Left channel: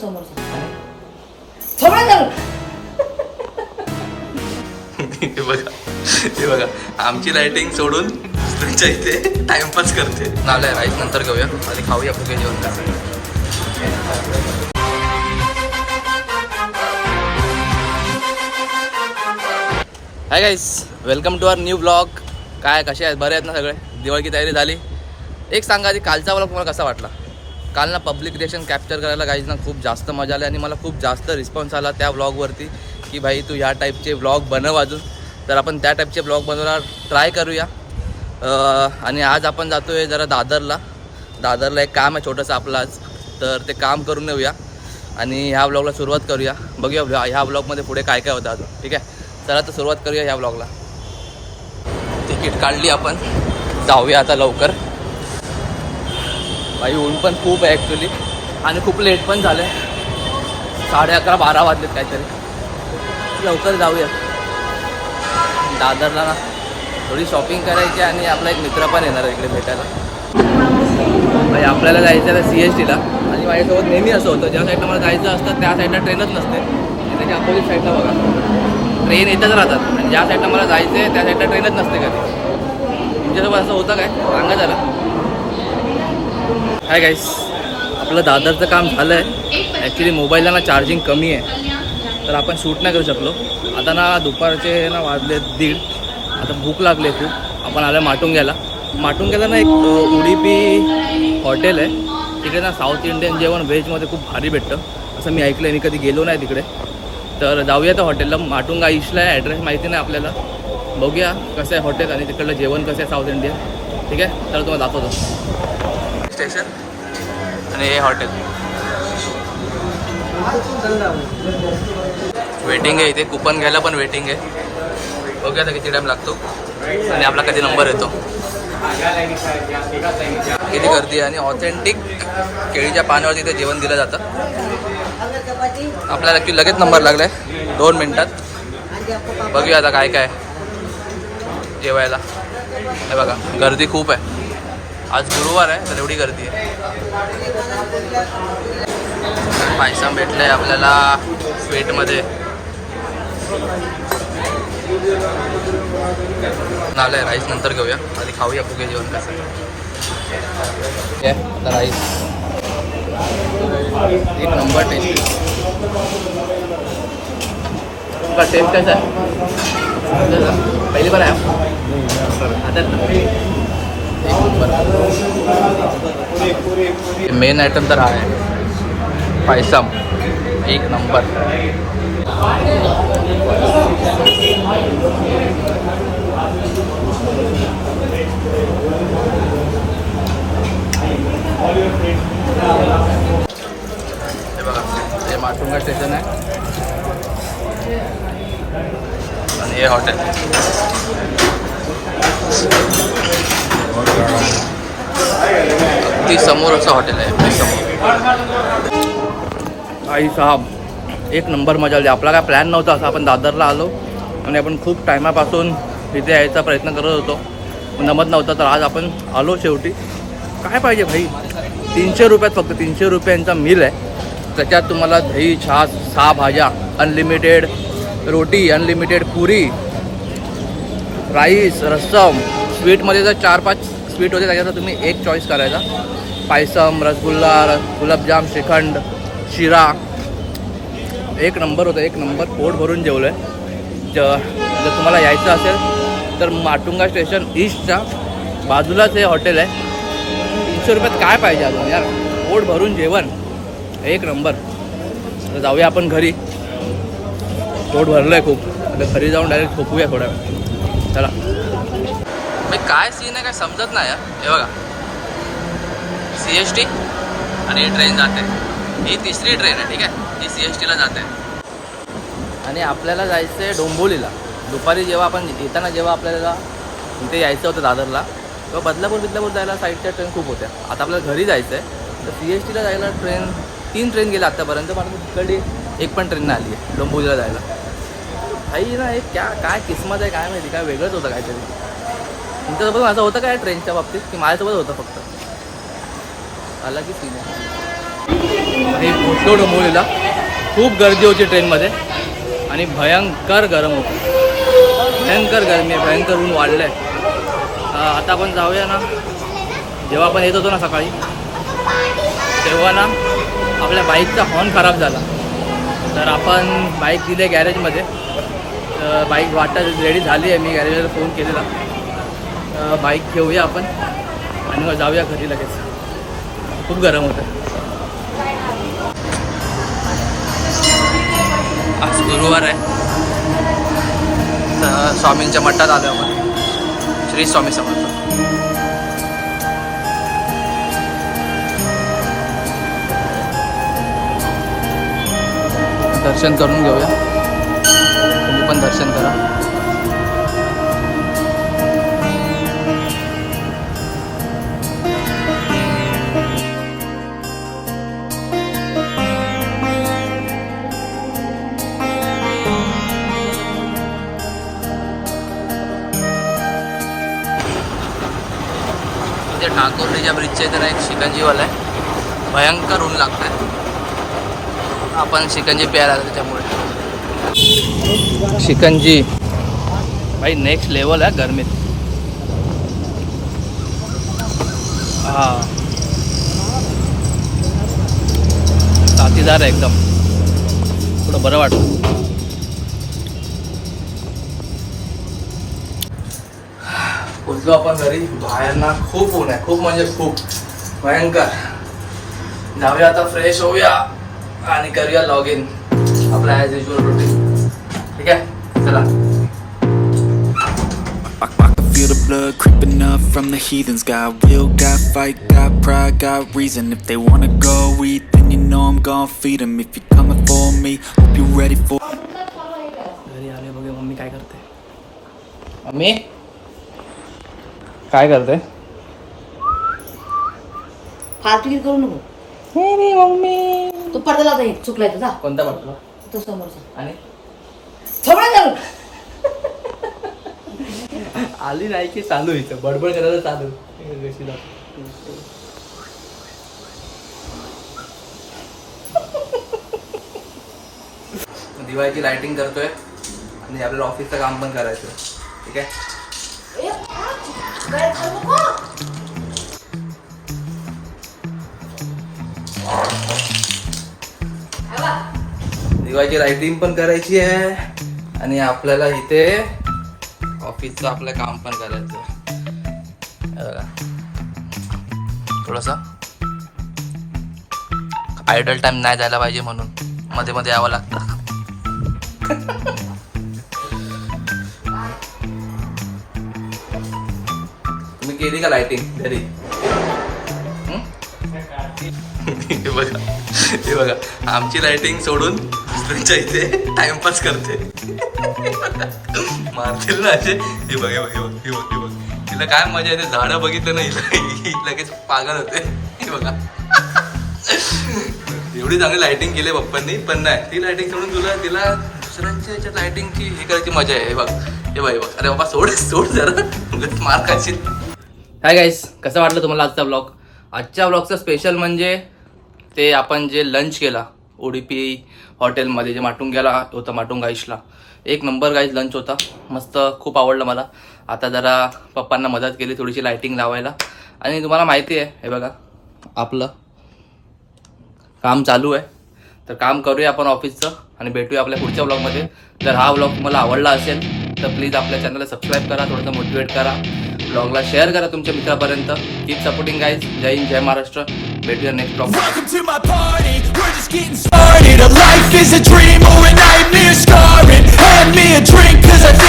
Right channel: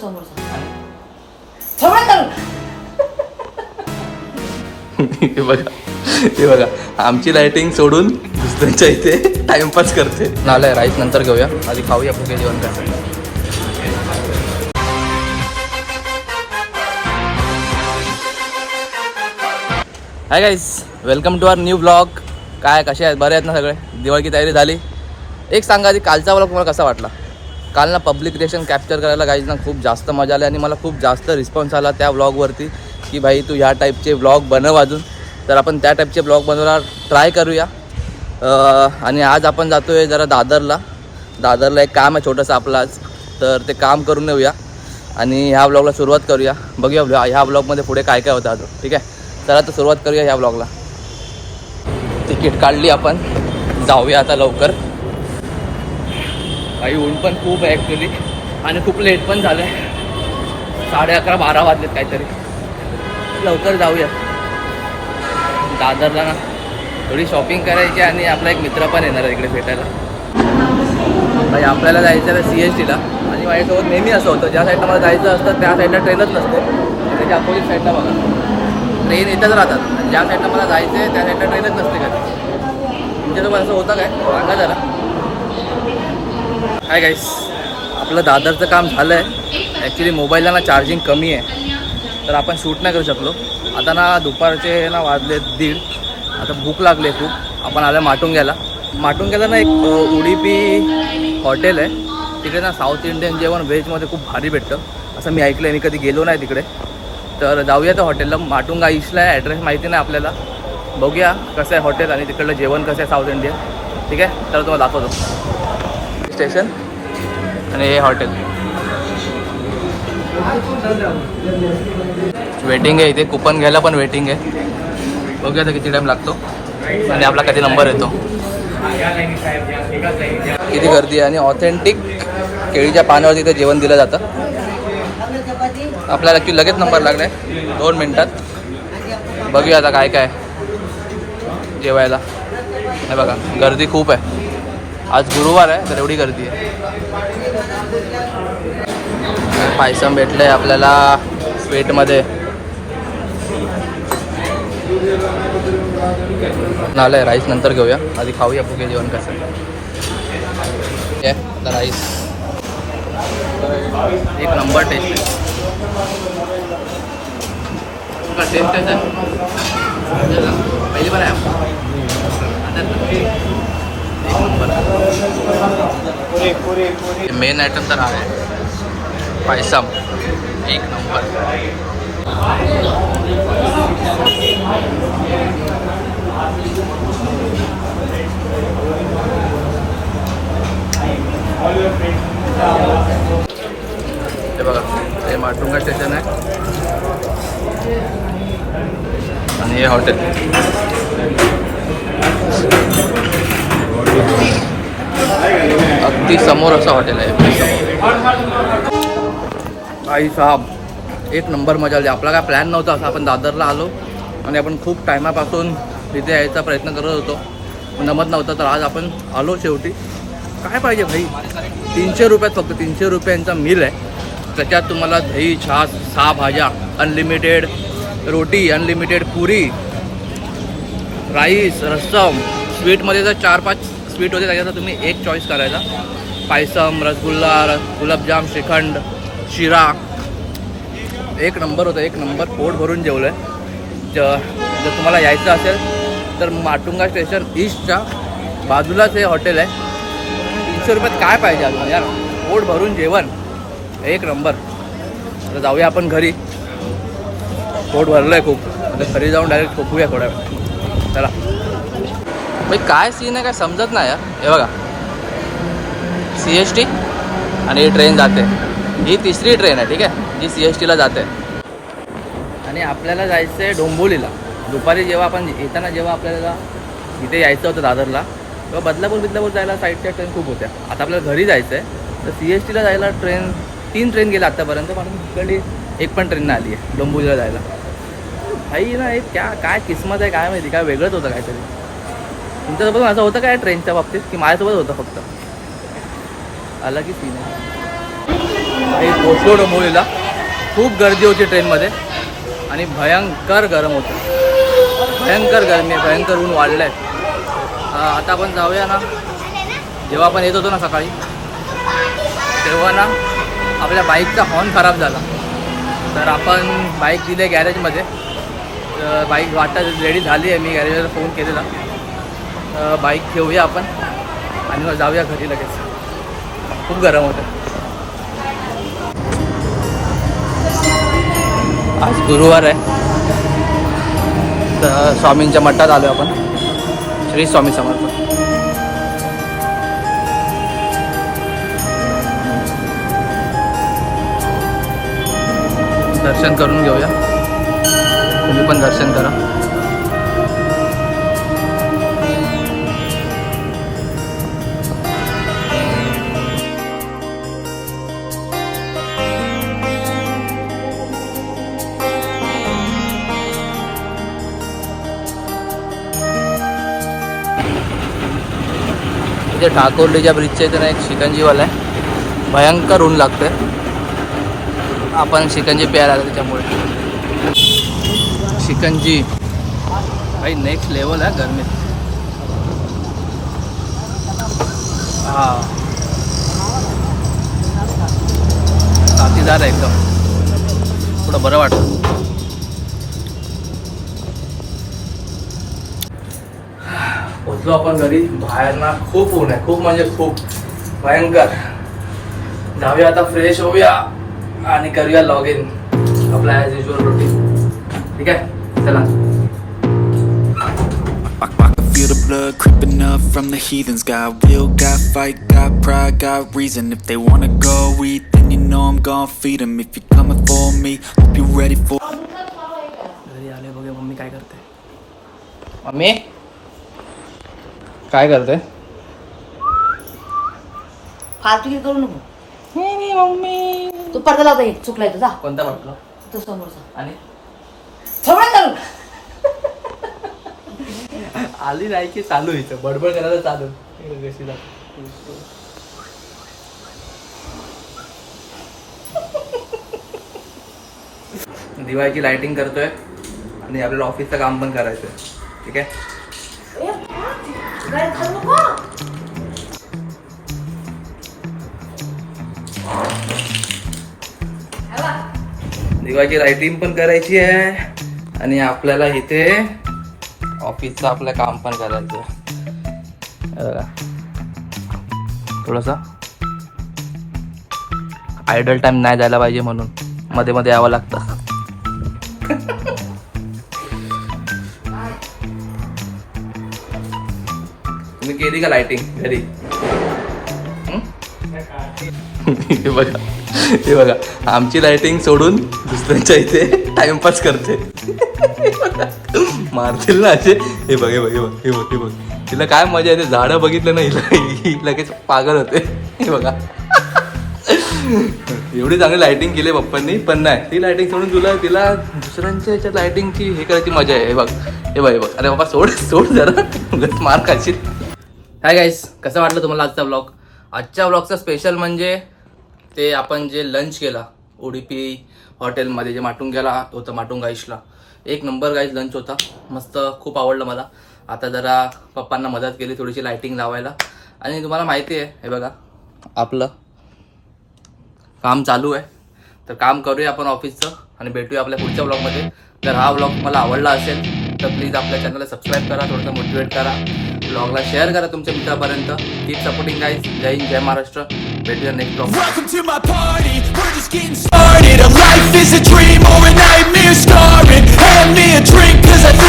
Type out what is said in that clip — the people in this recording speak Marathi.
हे बघा आमची लाइटिंग सोडून दुसऱ्यांच्या इथे टाइमपास करते. नालाय राईस नंतर घेऊया, आधी खाऊया आपलं जेवण कसं. Hi guys, welcome to our new vlog. काय कसे आहेत, बरे आहेत ना सगळे? दिवाळीची तयारी झाली? एक सांगा आधी, कालचा ब्लॉग तुम्हाला कसा वाटला? काल ना पब्लिक रिएक्शन कॅप्चर करायला गाईज ना खूप जास्त मजा आली आणि मला खूप जास्त रिस्पॉन्स आला त्या ब्लॉगवरती की भाई तू ह्या टाईपचे ब्लॉग बनव अजून. तर आपण त्या टाईपचे ब्लॉग बनवायला ट्राय करूया. आणि आज आपण जातो आहे जरा दादरला एक काम आहे छोटंसं आपलं आज, तर ते काम करून येऊया आणि ह्या ब्लॉगला सुरुवात करूया. बघूया ह्या ब्लॉगमध्ये पुढे काय काय होतं अजून. ठीक आहे, चला तर सुरुवात करूया ह्या ब्लॉगला. तिकीट काढली आपण, जाऊया आता लवकर. भाई ऊन पण खूप आहे ॲक्च्युली आणि खूप लेट पण झालं आहे. 11:30-12 वाजलेत काहीतरी. लवकर जाऊया दादरला ना, थोडी शॉपिंग करायची आणि आपला एक मित्र पण येणार आहे इकडे भेटायला. भाई आपल्याला जायचं आहे CSTला आणि माझ्यासोबत नेहमी असं होतं, ज्या साईडला मला जायचं असतं त्या साईडला ट्रेनच नसते. त्याच्या अपोजिट साईडला बघा ट्रेन येतच राहतात आणि ज्या साईडला मला जायचं आहे त्या साईडला ट्रेनच नसते कधी. तुमच्यासोबत असं होतं काय, सांगा जरा. हाय गाईस, आपलं दादरचं काम झालं आहे. ॲक्च्युली मोबाईलला ना चार्जिंग कमी आहे तर आपण शूट नाही करू शकलो. आता ना दुपारचे ना वाजले 1:30. आता भूक लागले खूप. आपण आलं माटुंग्याला ना एक उडीपी हॉटेल आहे, तिकडे ना साऊथ इंडियन जेवण व्हेजमध्ये खूप भारी भेटतं असं मी ऐकलं आहे. मी कधी गेलो नाही तिकडे, तर जाऊया त्या हॉटेलला. माटुंगा ईस्टला आहे, ॲड्रेस माहिती नाही आपल्याला. बघूया कसं आहे हॉटेल आणि तिकडलं जेवण कसं आहे साऊथ इंडियन. ठीक आहे, तर तुम्हाला दाखवतो. स्टेशन आणि हे हॉटेल. वेटिंग आहे इथे, कुपन घ्यायला पण वेटिंग आहे. बघूया आता किती टाईम लागतो आणि आपला कधी नंबर येतो. किती गर्दी आहे आणि ऑथेंटिक केळीच्या पाण्यावरती इथे जेवण दिलं जातं. आपल्याला की लगेच नंबर लागला आहे 2 मिनटात. बघूया आता काय काय जेवायला. हे बघा गर्दी खूप आहे, आज गुरुवार आहे तर एवढी गर्दी आहे. पायसम भेटलं आहे आपल्याला स्वीटमध्ये. नालाय राईस नंतर घेऊया, आधी खाऊया बघूया जेवण कसं आहे. आता राईस एक नंबर टेस्ट. तुमचा टेस्ट कसा आहे? पहिली बार आहे आता एक नंबर. मेन आयटम तर हा आहे पायसम, एक नंबर. हे बघा हे माटुंगा स्टेशन आहे आणि हे हॉटेल. अगदी समोर असं हॉटेल आहे, अगदी समोर. आई साहब एक नंबर मजा आली. आपला काय प्लॅन नव्हता असा, आपण दादरला आलो आणि आपण खूप टायमापासून तिथे यायचा प्रयत्न करत होतो, जमत नव्हता. तर आज आपण आलो शेवटी. काय पाहिजे भाई, 300 रुपयात, फक्त 300 रुपयांचा मील आहे. त्याच्यात तुम्हाला दही, छास, 6 भाज्या, अनलिमिटेड रोटी, अनलिमिटेड पुरी, राईस, रस्सम. स्वीटमध्ये जर 4-5 स्वीट होते त्याच्यात तुम्ही एक चॉईस करायचा. पायसम, रसगुल्ला, गुलाबजाम, श्रीखंड, शिरा. एक नंबर होतं, एक नंबर. पोट भरून जेवलं आहे. जर तुम्हाला यायचं असेल तर माटुंगा स्टेशन ईस्टच्या बाजूलाच हे हॉटेल आहे. 300 रुपयात काय पाहिजे अजून यार, पोट भरून जेवण, एक नंबर. तर जाऊया आपण घरी, पोट भरलं आहे खूप. आता घरी जाऊन डायरेक्ट झोपूया थोड्या वेळ. चला भाई, काय सीन आहे काय समजत नाही यार. हे बघा CST आणि ही ट्रेन जाते. ही 3री ट्रेन आहे, ठीक आहे, जी CSTला जाते. आणि आपल्याला जायचं आहे डोंबिवलीला. दुपारी जेव्हा आपण येताना जेव्हा आपल्याला इथे यायचं होतं दादरला, तेव्हा बदलापूर जायला साईडच्या ट्रेन खूप होत्या. आता आपल्याला घरी जायचं आहे तर CSTला जायला 3 ट्रेन गेल्या आत्तापर्यंत. पण तिकडली एक पण ट्रेन नाही आली आहे डोंबिवलीला जायला. भाई ना एक काय किस्मत आहे काय माहिती, काय वेगळंच होतं काहीतरी. तुमच्यासोबत असं होतं काय ट्रेनच्या बाबतीत, की माझ्यासोबत होतं फक्त? आला की सीन आहे. आणि पोचलो डोंबिवलीला. खूप गर्दी होती ट्रेनमध्ये आणि भयंकर गरम होतं, भयंकर गरमी आहे, भयंकर ऊन वाढलं आहे. आता आपण जाऊया ना. जेव्हा आपण येत होतो ना सकाळी, तेव्हा ना आपल्या बाईकचा हॉर्न खराब झाला. तर आपण बाईक दिली आहे गॅरेजमध्ये. तर बाईक वाटत रेडी झाली आहे, मी गॅरेजला फोन केलेला. बाईक ठेवूया आपण आणि मग जाऊया घरी लगेच. खूप गरम होतं. आज गुरुवार आहे, तर स्वामींच्या मठात आलो आपण. श्री स्वामी समर्थ. दर्शन करून घेऊया, तुम्ही पण दर्शन करा. इथे ठाकोर्लीच्या ब्रिजच्या इथे ना एक शिकंजीवाला आहे. भयंकर ऊन लागतोय, आपण शिकंजी प्यायला लागतो त्यामुळे. शिकंजी भाई नेक्स्ट लेवल आहे गरमीत. हां, साथीदार आहे एकदम, थोडं बरं वाटतं. पोचलो आपण घरी. बाहेर ना खूप ऊन आहे, खूप म्हणजे खूप भयंकर. जाऊया आता, फ्रेश होऊया आणि करूया लॉग इन आपला ॲज युजल रुटीन. ठीक आहे, चला. I can feel the blood creeping up from the heathens. Got will, got fight, got pride, got reason. If they wanna go eat, then you know I'm gon' feed them. If you're coming for me, hope you're ready for. घरी आले बघे मम्मी काय करते. मम्मी काय करते? फालतू करू नको. नाही मम्मी, तू पडदा लावता येईल, चुकलाय तुझा. कोणता म्हटलं? तो समोरचा आणि थोडं चालू. आली नाही की चालू इथं बडबड करायला चालू. कशी दिवाळीची लाइटिंग करतोय आणि आपल्याला ऑफिसचं काम पण करायचं. ठीक आहे. दिवाळीची लाइटिंग पण करायची आहे आणि आपल्याला इथे ऑफिसचं आपलं काम पण करायचं आहे. बघा, थोडंसं आयडल टाइम नाही जायला पाहिजे म्हणून मध्ये मध्ये यावं लागतं. तुम्ही केली का लाइटिंग घरी? हे बघा, हे बघा, आमची लाइटिंग सोडून दुसऱ्यांच्या इथे टाइमपास करते. मारतील ना असे. हे बघ, हे बघ, हे बघ, हे बघ, हे बघ. तिला काय मजा येते. झाडं बघितलं ना हिला लगेच पागल होते. हे बघा, एवढी चांगली लाइटिंग केली पप्पांनी, पण नाही ती लाइटिंग सोडून तिला दुसऱ्यांच्या ह्याच्यात लाइटिंगची हे करायची मजा आहे. हे बघ, हे बघ, हे बघ. अरे बाबा सोड सोड जरा, मार खाशील. हाय गाईस, कसं वाटलं तुम्हाला आजचा ब्लॉग? आजच्या ब्लॉगचा स्पेशल म्हणजे ते आपण जे लंच केला उडुपी हॉटेलमध्ये, जे माटुंग्याला होतं, माटुंगा आईशला. एक नंबर गाईज लंच होता, मस्त, खूप आवडलं मला. आता जरा पप्पांना मदत केली थोडीशी लाइटिंग लावायला. आणि तुम्हाला माहिती आहे, हे बघा आपलं काम चालू आहे. तर काम करूया आपण ऑफिसचं आणि भेटूया आपल्या पुढच्या ब्लॉगमध्ये. जर हा ब्लॉग तुम्हाला आवडला असेल तर प्लीज आपल्या चॅनलला सबस्क्राईब करा, थोडंसं मोटिवेट करा, ब्लॉगला शेअर करा तुमच्या मित्रापर्यंत. Keep supporting guys. Jai Hind, Jai Maharashtra. भेटूया next blog. Welcome to my party, we're just getting started. A life is a dream or a nightmare scarring. Hand me a drink 'cause I think